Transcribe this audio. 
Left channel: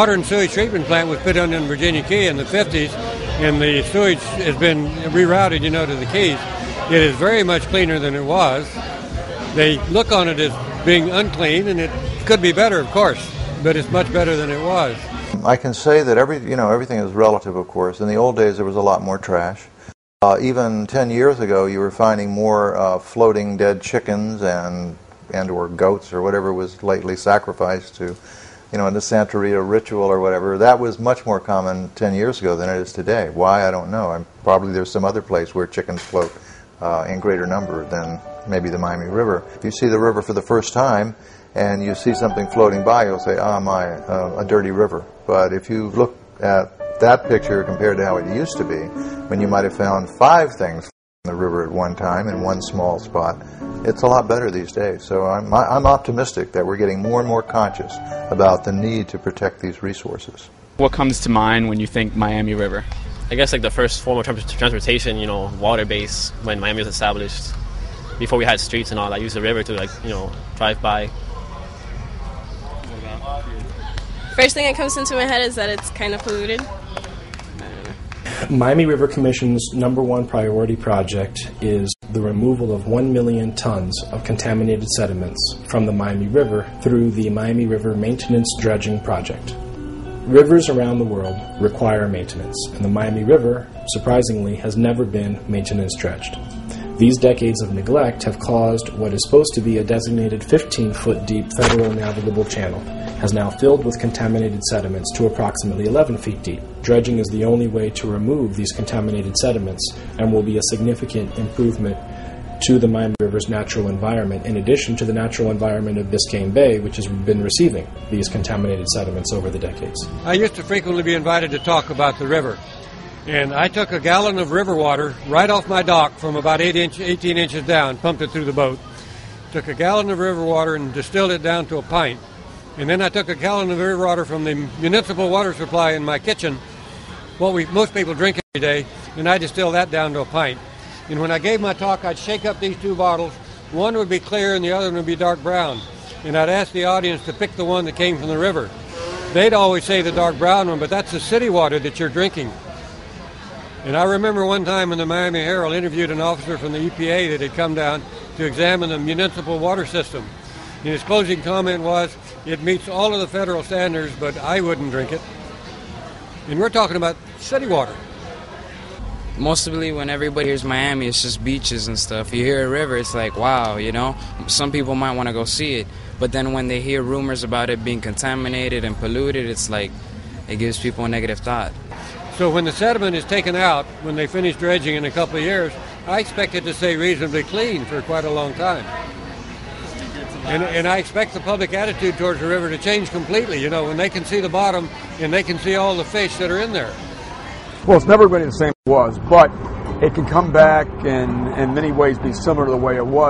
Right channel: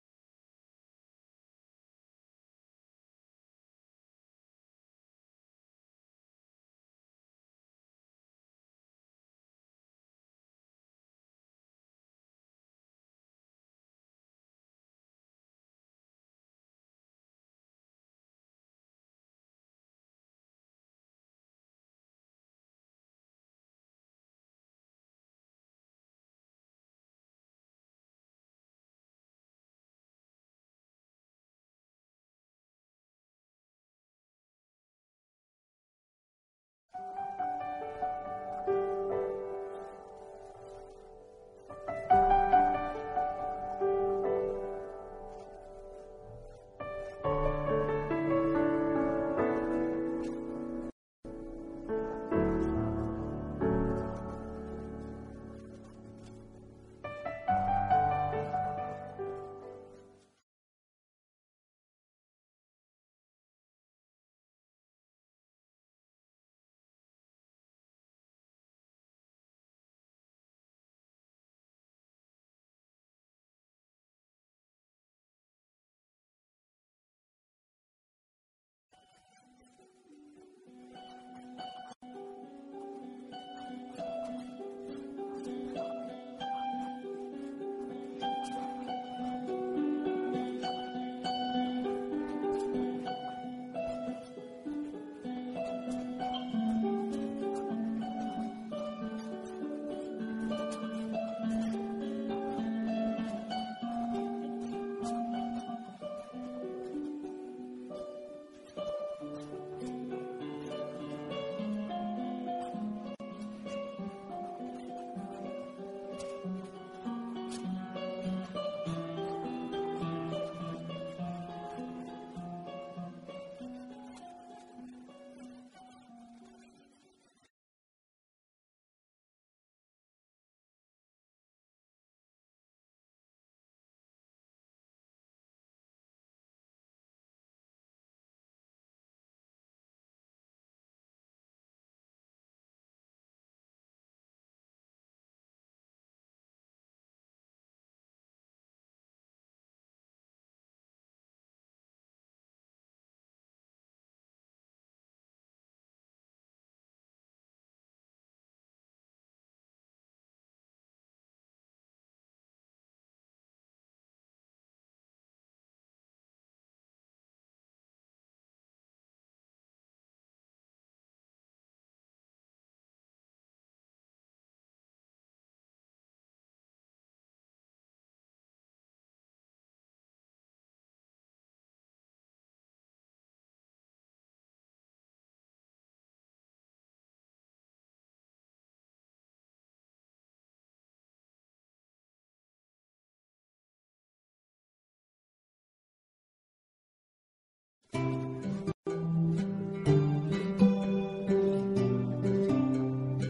Water and sewage treatment plant was put in Virginia Key in the 50s, and the sewage has been rerouted, to the Keys. It is very much cleaner than it was. They look on it as being unclean, and it could be better, of course, but it's much better than it was. I can say that everything is relative, of course. In the old days, there was a lot more trash. Even 10 years ago, you were finding more floating dead chickens and or goats or whatever was lately sacrificed to, in the Santeria ritual or whatever. That was much more common 10 years ago than it is today. Why, I don't know. Probably there's some other place where chickens float in greater number than maybe the Miami River. If you see the river for the first time and you see something floating by, you'll say, a dirty river. But if you look at that picture compared to how it used to be, when you might have found 5 things in the river at one time in one small spot, it's a lot better these days. So I'm optimistic that we're getting more and more conscious about the need to protect these resources. What comes to mind when you think Miami River? I guess like the first form of transportation, water-based, when Miami was established. Before we had streets and all, I used the river to drive by. First thing that comes into my head is that it's kind of polluted. Miami River Commission's #1 priority project is the removal of 1 million tons of contaminated sediments from the Miami River through the Miami River Maintenance Dredging Project. Rivers around the world require maintenance, and the Miami River, surprisingly, has never been maintenance dredged. These decades of neglect have caused what is supposed to be a designated 15-foot deep federal navigable channel has now filled with contaminated sediments to approximately 11 feet deep. Dredging is the only way to remove these contaminated sediments and will be a significant improvement to the Miami River's natural environment, in addition to the natural environment of Biscayne Bay, which has been receiving these contaminated sediments over the decades. I used to frequently be invited to talk about the river. And I took a gallon of river water right off my dock from about 18 inches down, pumped it through the boat. Took a gallon of river water and distilled it down to a pint. And then I took a gallon of river water from the municipal water supply in my kitchen, what most people drink every day, and I distilled that down to a pint. And when I gave my talk, I'd shake up these 2 bottles. One would be clear and the other one would be dark brown. And I'd ask the audience to pick the one that came from the river. They'd always say the dark brown one, but that's the city water that you're drinking. And I remember one time when the Miami Herald interviewed an officer from the EPA that had come down to examine the municipal water system. And his closing comment was, it meets all of the federal standards, but I wouldn't drink it. And we're talking about city water. Mostly when everybody hears Miami, it's just beaches and stuff. You hear a river, it's like, wow, Some people might want to go see it. But then when they hear rumors about it being contaminated and polluted, it's like, it gives people a negative thought. So when the sediment is taken out, when they finish dredging in a couple of years, I expect it to stay reasonably clean for quite a long time. And I expect the public attitude towards the river to change completely, when they can see the bottom and they can see all the fish that are in there. Well, it's never going to be the same as it was, but it can come back and in many ways be similar to the way it was.